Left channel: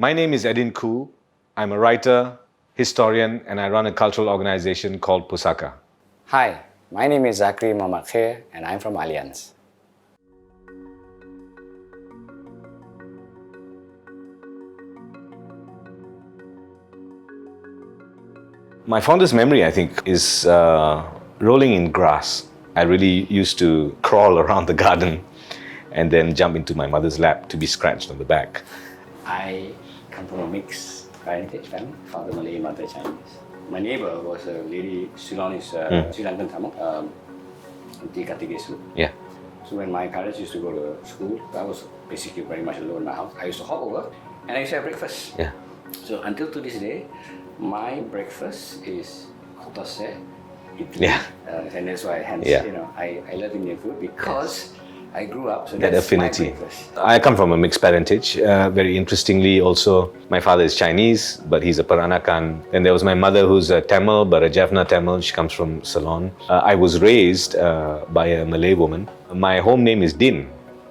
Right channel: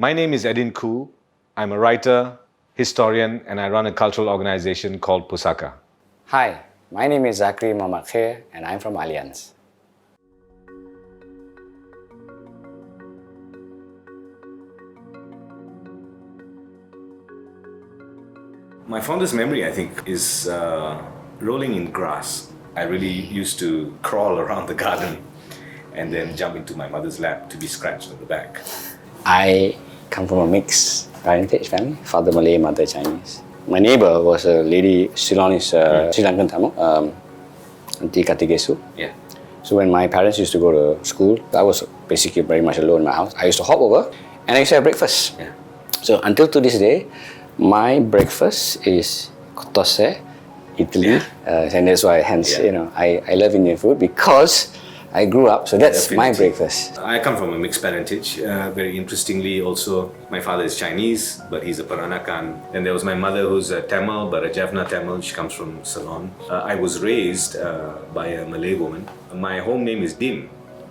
My name is Eddin Khoo. I'm a writer, historian, and I run a cultural organization called PUSAKA. Hi, my name is Zakri Khir and I'm from Allianz. My fondest memory, I think, is rolling in grass. I really used to crawl around the garden and then jump into my mother's lap to be scratched on the back. I come from a mixed parentage family, father Malay, mother Chinese. My neighbor was a lady, Ceylonese, Sri Lankan Tamil, Auntie Katigesu. Yeah. So when my parents used to go to school, I was basically very much alone in my house. I used to hop over and I used to have breakfast. Yeah. So until to this day, my breakfast is kotose, Italy, and that's why hence I love Indian food because I grew up. So that's my breakfast. I come from a mixed parentage. Very interestingly, also my father is Chinese, but he's a Peranakan. And there was my mother who's a Tamil, but a Jaffna Tamil. She comes from Ceylon. I was raised by a Malay woman. My home name is Dim.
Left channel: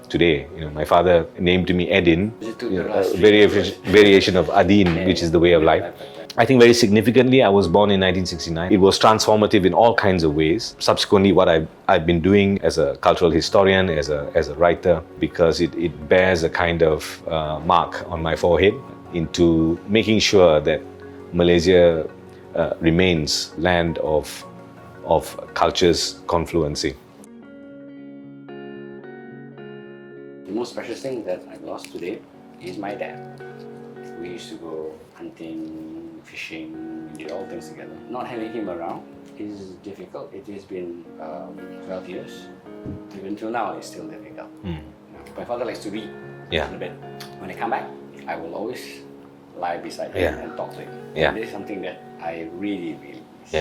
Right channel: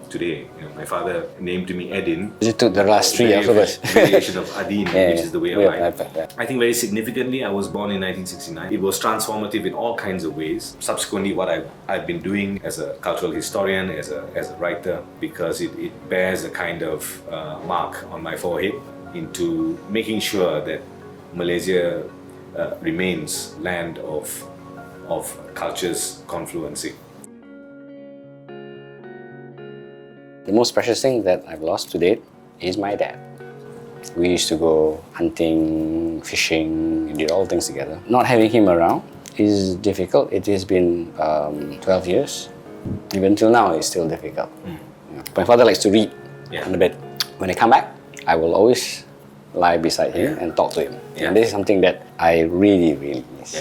Today, my father named me Eddin. You took the last three variation of Adin, which is the way of life. Yeah. I think very significantly, I was born in 1969. It was transformative in all kinds of ways. Subsequently, what I've been doing as a cultural historian, as a writer, because it bears a kind of mark on my forehead into making sure that Malaysia remains land of cultures confluencing. The most precious thing that I've lost to date is my dad. We used to go hunting, fishing, we did all things together. Not having him around is difficult. It has been 12 years. Even till now, it's still difficult. My father likes to read on the bed. When I come back, I will always lie beside him and talk to him. And this is something that I really, really miss.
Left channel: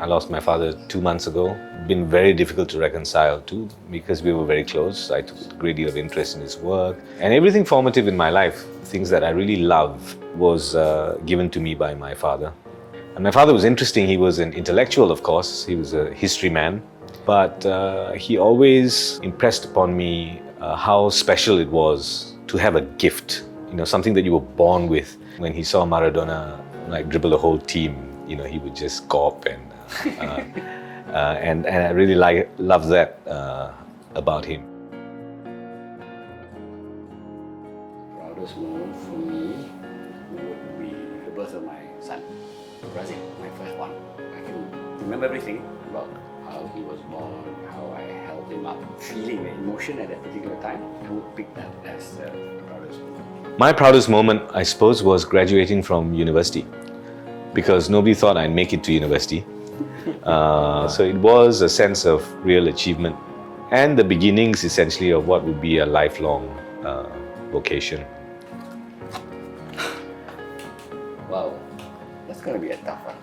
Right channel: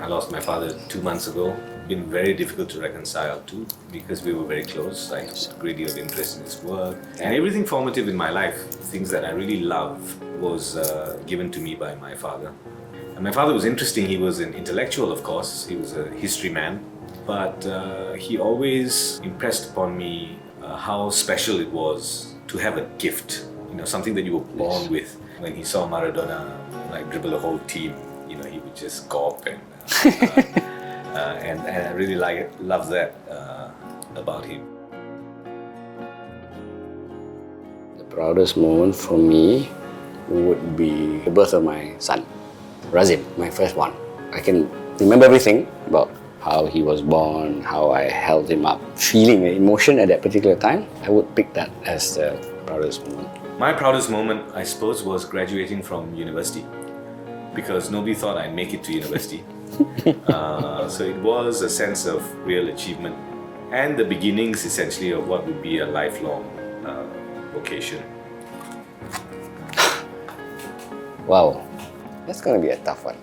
I lost my father 2 months ago. Been very difficult to reconcile to because we were very close. I took a great deal of interest in his work and everything formative in my life, things that I really love, was given to me by my father. And my father was interesting. He was an intellectual, of course. He was a history man, but he always impressed upon me how special it was to have a gift, something that you were born with. When he saw Maradona dribble the whole team, he would just gawp and I really love that about him. The proudest moment for me would be the birth of my son, Razib, my first one. I can remember everything about how he was born, how I held him up, feeling the emotion at that particular time. I would pick that as the proudest moment. My proudest moment, I suppose, was graduating from university, because nobody thought I'd make it to university. So it was a sense of real achievement and the beginnings, essentially, of what would be a lifelong vocation. Wow, that's going to be a tough one.